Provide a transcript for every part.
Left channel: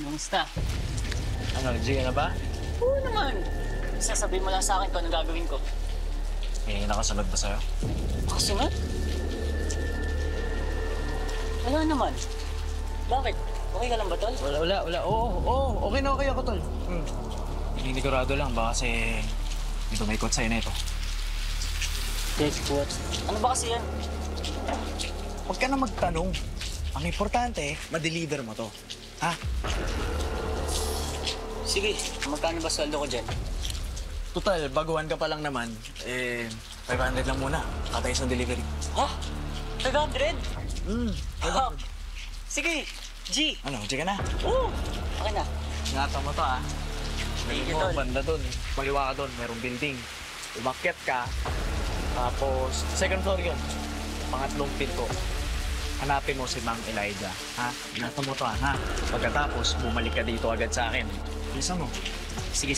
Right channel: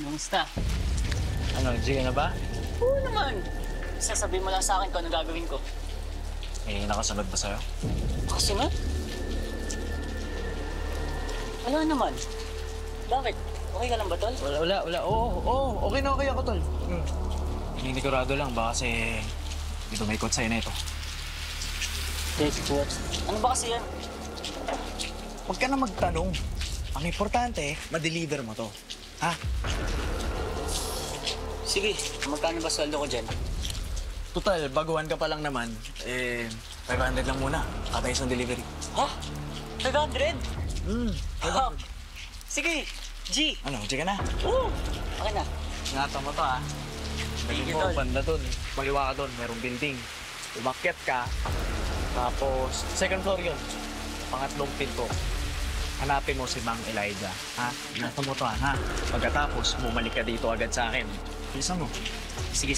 Kamusta? Ano, G na ba? Oo naman. Sasabihin mo lang sa akin kung anong gagawin ko. Eh, nakasunod ba sa'yo? Kasunod? Wala naman. Bakit? Okay ka lang ba, tol? Wala. Oo, okay na okay ako, tol. Naninigurado lang, baka kasi may tumaikot sa'yo na ito. Take what? Ano ba kasi yan? Huwag ka na magtanong. Ang importante, ma-deliver mo to. Ha? Sige, magkano ba sweldo ko dyan? Total, baguhan ka pa lang naman. 500 lang muna. Kada isang delivery. Ha? 500? Ha? 500. Sige, G. Ano, G ka na? Oo, okay na. Ingatan mo to, ha? Sige, Galing mo, tol. banda dun. Maliwa ka dun, merong building. Umakyat ka. Tapos, second floor yun. Pangatlong pinto. Hanapin mo si Mang Elijah, ha? Ingatan mo to, ha? Pagkatapos, bumalik ka dito agad sa akin. Bilisan mo. Sige.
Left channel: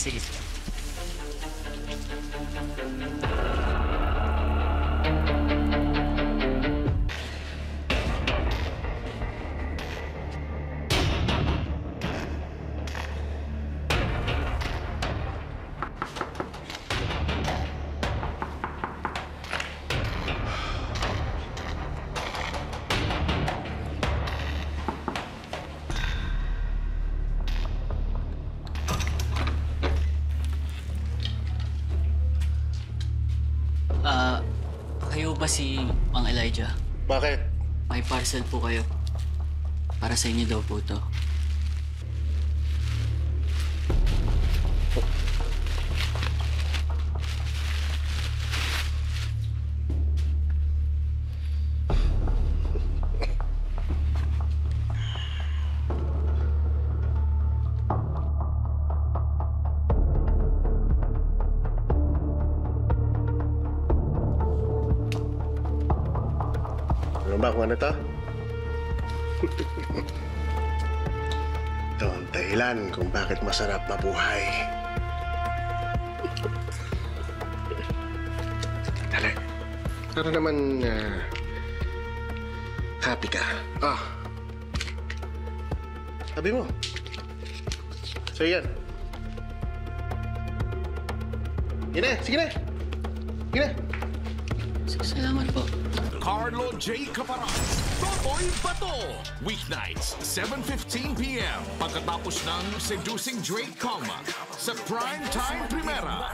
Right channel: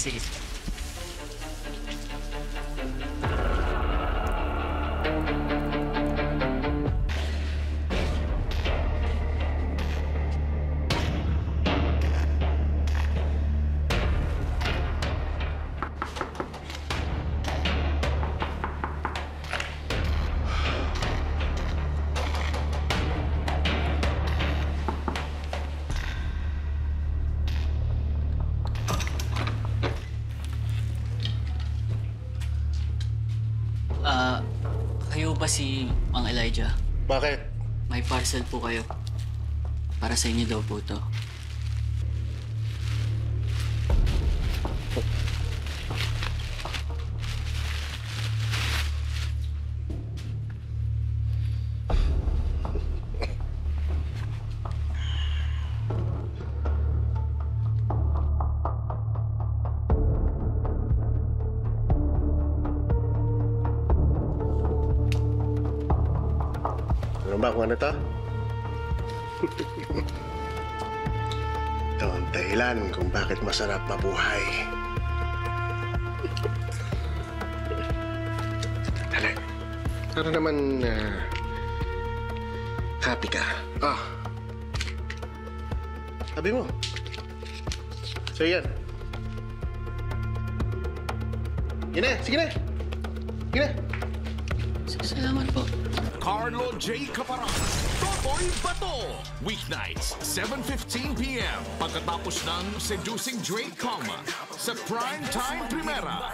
Kayo ba si Mang Elijah? Bakit? May parcel po kayo. Para sa inyo daw po to. Ano ba kung ano to? Ito ang dahilan kung bakit masarap mabuhay. Dali. Para naman happy ka. Sabi mo. So yan. Yan na, sige na. Sige na. Salamat po. Carlo J. Caparan, Totoy Bato. Weeknights, 7:15 p.m. Pagkatapos ng Seducing Drake Calma sa Primetime Primera.